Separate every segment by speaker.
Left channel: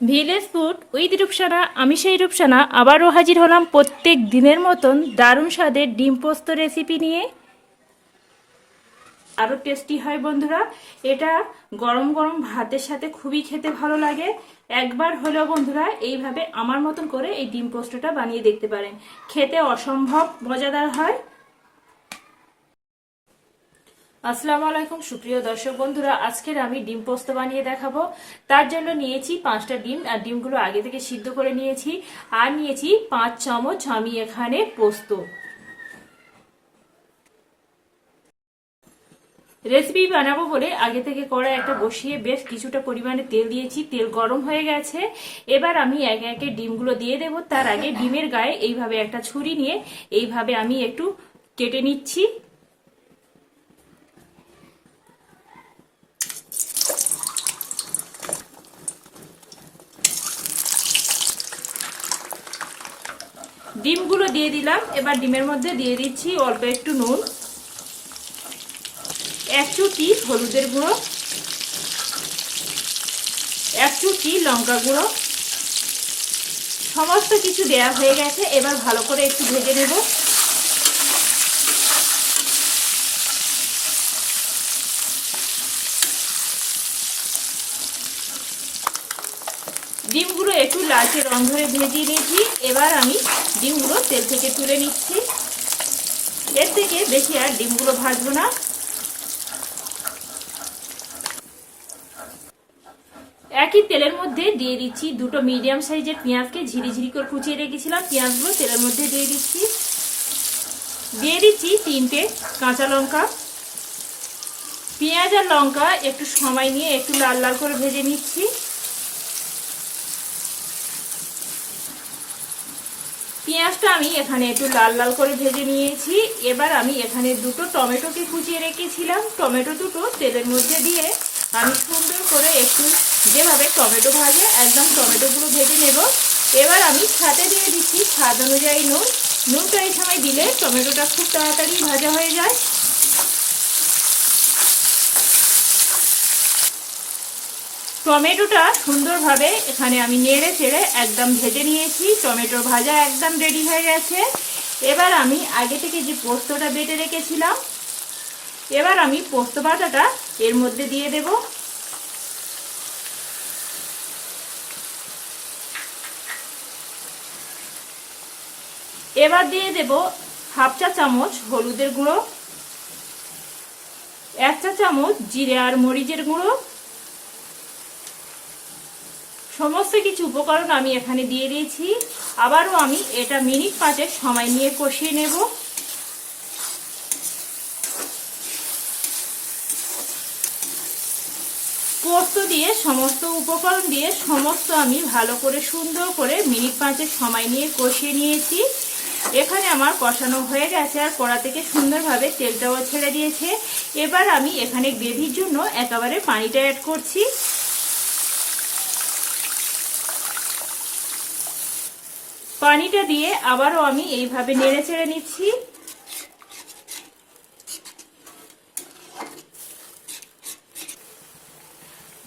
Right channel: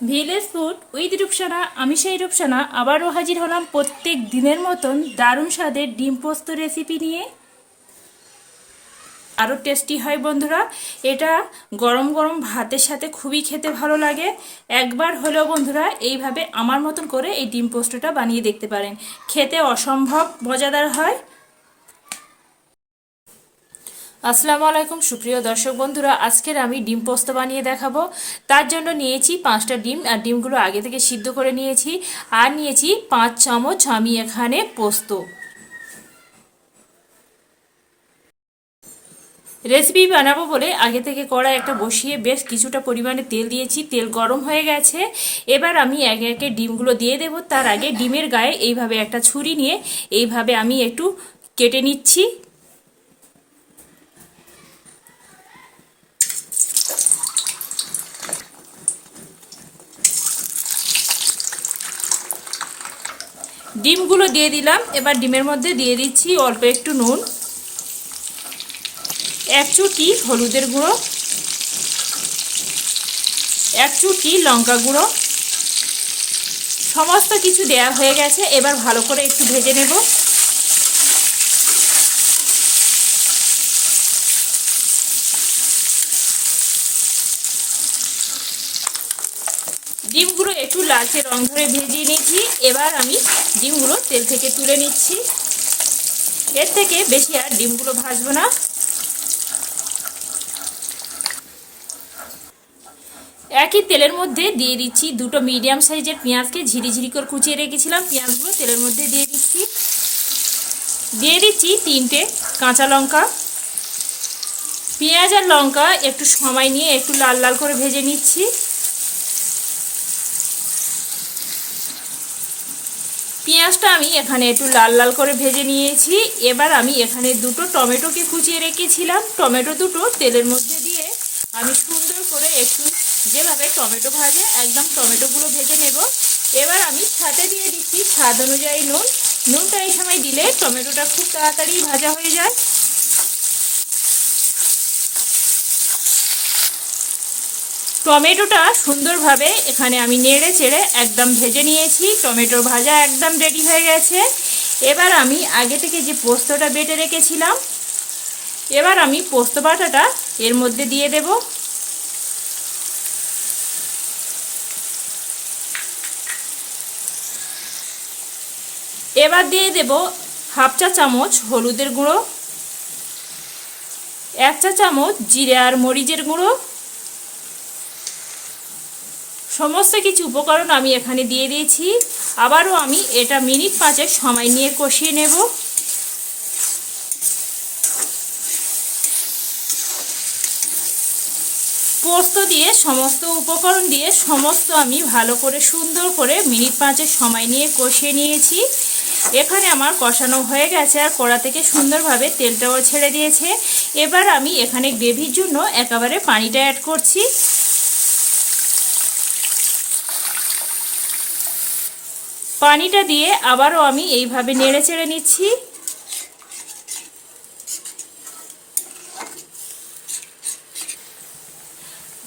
Speaker 1: Village food with Rupsana, আমি সেই রূপসানা। আবারও হাজির হলাম প্রত্যেক দিনের মতন দারুণ স্বাদের ডিম পোস্ত রেসিপি নিয়ে। আরও টেস্টি হয় বন্ধুরা। এটা গরম গরম ভাতের সাথে খুবই খেতে ভালো লাগে। একবার হলেও বন্ধুরা এইভাবে আমার মতন করে এই ডিম পোস্তটা বানিয়ে দেখতে পারেন। খেতে অসম্ভব মজাদার হয়। আসসালামু আলাইকুম, সুপ্রিয় দর্শক বন্ধুরা, আজকের আমি ডিম পোস্ত বানিয়ে দেখাবো। তার জন্য নিয়েছি পাঁচটা ডিম, আর ডিমগুলো আগে থেকে সিদ্ধ করে নিয়েছি, আর নিয়েছি পাঁচ চামচ আমি এখানে পোস্ত। রেসিপি বানাবো বলে আগে থেকে কড়াই একটা বসিয়ে বেশ কিছুটা পরিমাণে তেল দিয়েছি, তেল গরম হয়ে গেছে। এবার আমি একে একে ডিমগুলো দিয়ে দেব। তার আগে ডিমের গায়ে এইভাবে একটা ছুরি নিয়ে এইভাবে আমি একটু কেটে নিচ্ছি। ডিমগুলো দিয়ে দিলাম। এবার ডিমের মধ্যে দিয়ে দিচ্ছি অল্প একটু নুন। এক চুটি হলুদের গুঁড়ো। এক চুটি লঙ্কা গুঁড়ো। সমস্ত কিছু দেয়া হয়ে গেছে। এবার ভালো করে একটু ভেজে নেব। ডিমগুলো একটু লালচে রং ধরে ভেজিয়ে নিয়েছি। এবার আমি ডিমগুলো তেল থেকে তুলে নিচ্ছি। এর থেকে বেশি আর ডিমগুলো ভাজবো না। একই তেলের মধ্যে দিয়ে দিচ্ছি দুটো মিডিয়াম সাইজের পেঁয়াজকে ঝিরি ঝিরি করে কুচিয়ে রেখেছিলাম। পেঁয়াজগুলো তেলের মধ্যে দিয়ে দিচ্ছি। দিয়ে দিচ্ছি তিনটে কাঁচা লঙ্কা। পেঁয়াজ আর লঙ্কা একটু সময় নিয়ে একটু লাল লাল করে ভেজে নিচ্ছি। পেঁয়াজটা আমি এখানে একটু লাল লাল করে ভেজে নিয়েছি। এবার আমি এখানে দুটো টমেটোকে কুচিয়ে রেখেছিলাম। টমেটো দুটো তেলের মধ্যে দিয়ে আমি সুন্দর করে একটু যেভাবে টমেটো ভাজে, একদম টমেটোগুলো ভেজে নেব। এবার আমি ছাতে দিয়ে দিচ্ছি স্বাদ অনুযায়ী নুন। নুনটা এই সময় দিলে টমেটোটা খুব তাড়াতাড়ি ভাজা হয়ে যায়। টমেটোটা সুন্দরভাবে এখানে আমি নেড়ে চেড়ে একদম ভেজে নিয়েছি। টমেটো ভাজা একদম রেডি হয়ে গেছে। এবার আমি আগে থেকে যে পোস্তটা বেটে রেখেছিলাম, এবার আমি পোস্ত বাটাটা এর মধ্যে দিয়ে দেব। এবার দিয়ে দেব হাফ চা চামচ হলুদের গুঁড়ো, এক চা চামচ জিরে আর মরিচের গুঁড়ো সমস্ত কিছু উপকরণ আমি এখানে দিয়ে দিয়েছি। আবারও আমি এটা মিনিট পাঁচেক সময় নিয়ে কষিয়ে নেব। পোস্ত দিয়ে সমস্ত উপকরণ দিয়ে সমস্ত আমি ভালো করে সুন্দর করে মিনিট পাঁচের সময় নিয়ে কষিয়ে নিয়েছি। এখানে আমার কষানো হয়ে গেছে আর কড়া থেকে সুন্দরভাবে তেলটাও ছেড়ে দিয়েছে। এবার আমি এখানে গ্রেভির জন্য একেবারে পানিটা অ্যাড করছি। পানিটা দিয়ে আবারও আমি এইভাবে নেড়ে চেড়ে নিচ্ছি।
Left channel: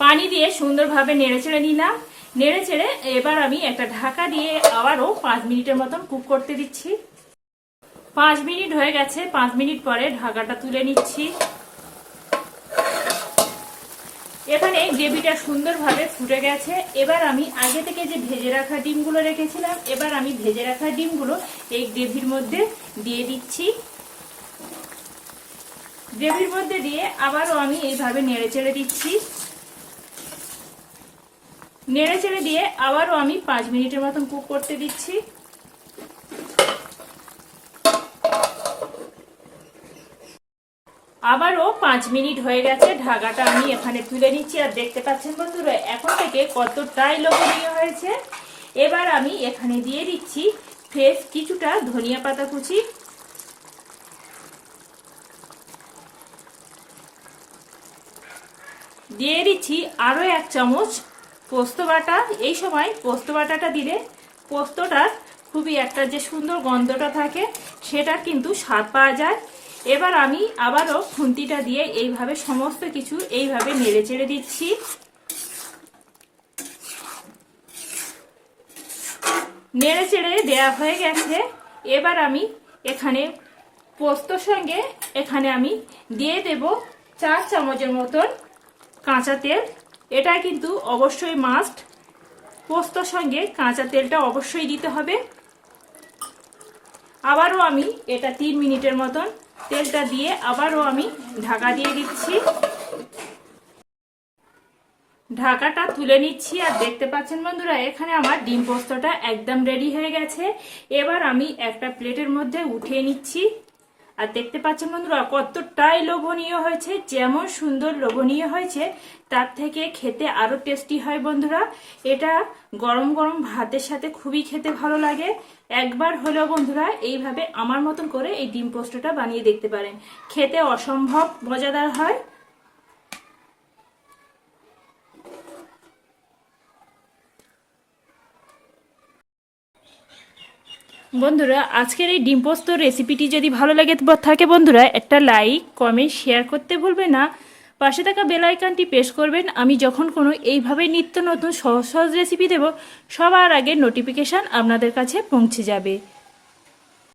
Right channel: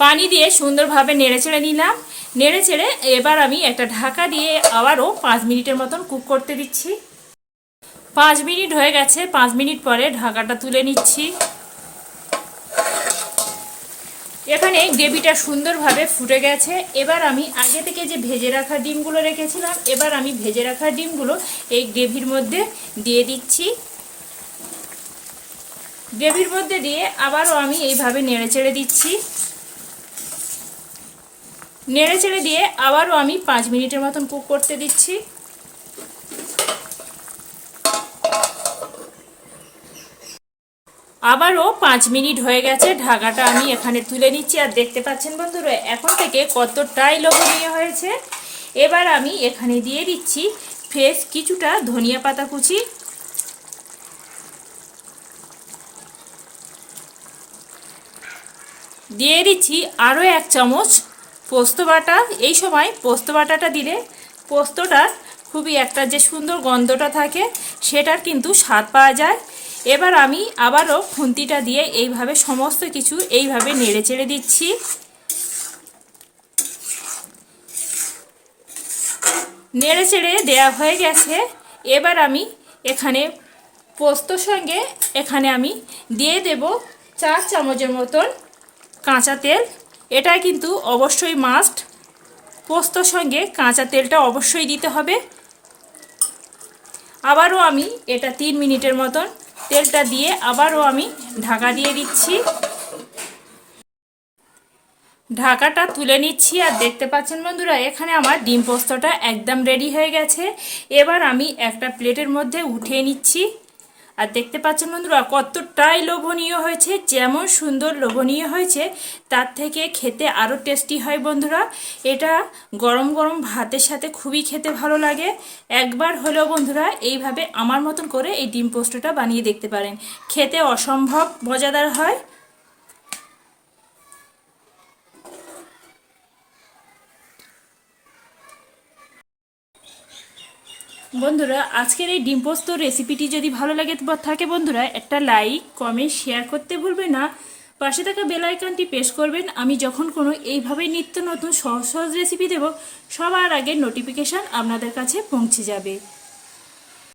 Speaker 1: পানি দিয়ে সুন্দরভাবে নেড়ে চেড়ে নিলাম। নেড়ে চেড়ে এবার আমি একটা ঢাকা দিয়ে আবারও পাঁচ মিনিটের মতন কুক করতে দিচ্ছি। পাঁচ মিনিট হয়ে গেছে, পাঁচ মিনিট পরে ঢাকাটা তুলে নিচ্ছি। এখানে গ্রেভিটা সুন্দরভাবে ফুটে গেছে। এবার আমি আগে থেকে যে ভেজে রাখা ডিমগুলো রেখেছিলাম, এবার আমি ভেজে রাখা ডিমগুলো এই গ্রেভির মধ্যে দিয়ে দিচ্ছি। গ্রেভির মধ্যে দিয়ে আবারও আমি এইভাবে নেড়ে চেড়ে দিচ্ছি। নেড়ে চেড়ে দিয়ে আবারও আমি পাঁচ মিনিটের মতন কুক করতে দিচ্ছি। আবারও পাঁচ মিনিট হয়ে গেছে, ঢাকাটা আমি এখানে তুলে নিচ্ছি আর দেখতে পাচ্ছেন বন্ধুরা, এখন থেকে কতটাই লোভনীয় হয়েছে। এবার আমি এখানে দিয়ে দিচ্ছি ফ্রেশ কিছুটা ধনিয়া পাতা কুচি। দিয়ে দিচ্ছি আরও এক চামচ পোস্ত বাটা। এই সময় পোস্ত বাটাটা দিলে পোস্তটার খুবই একটা যে সুন্দর গন্ধটা থাকে, সেটার কিন্তু স্বাদ পাওয়া যায়। এবার আমি আবারও খুন্তিটা দিয়ে এইভাবে সমস্ত কিছু এইভাবে নেড়ে চেড়ে দিচ্ছি। নেড়ে চেড়ে দেওয়া হয়ে গেছে। এবার আমি এখানে পোস্তর সঙ্গে এখানে আমি দিয়ে দেব চার চামচের মতন কাঁচা তেল। এটা কিন্তু অবশ্যই মাস্ট পোস্তর সঙ্গে কাঁচা তেলটা অবশ্যই দিতে হবে। আবারও আমি এটা তিন মিনিটের মতন তেলটা দিয়ে আবারও আমি ঢাকা দিয়ে দিচ্ছি। ঢাকাটা তুলে নিচ্ছি আর দেখতে পাচ্ছেন বন্ধুরা, এখানে আমার ডিম পোস্তটা একদম রেডি হয়ে গেছে। এবার আমি একটা প্লেটের মধ্যে উঠিয়ে নিচ্ছি। আর দেখতে পাচ্ছেন বন্ধুরা কতটাই লোভনীয় হয়েছে, যেমন সুন্দর লোভনীয় হয়েছে, তার থেকে খেতে আরও টেস্টি হয় বন্ধুরা। এটা গরম গরম ভাতের সাথে খুবই খেতে ভালো লাগে। একবার হলেও বন্ধুরা, এইভাবে আমার মতন করে এই ডিম পোস্টটা বানিয়ে দেখতে পারেন। খেতে অসম্ভব মজাদার হয়। বন্ধুরা, আজকের এই ডিম পোস্ত রেসিপিটি যদি ভালো লাগে থাকে বন্ধুরা, একটা লাইক কমেন্ট শেয়ার করতে ভুলবে না। পাশে থাকা বেল আইকনটি করবেন। আমি যখন কোনো এইভাবে নিত্য নতুন সহজ সহজ রেসিপি দেব, সবার আগে নোটিফিকেশান আপনাদের কাছে পৌঁছে যাবে।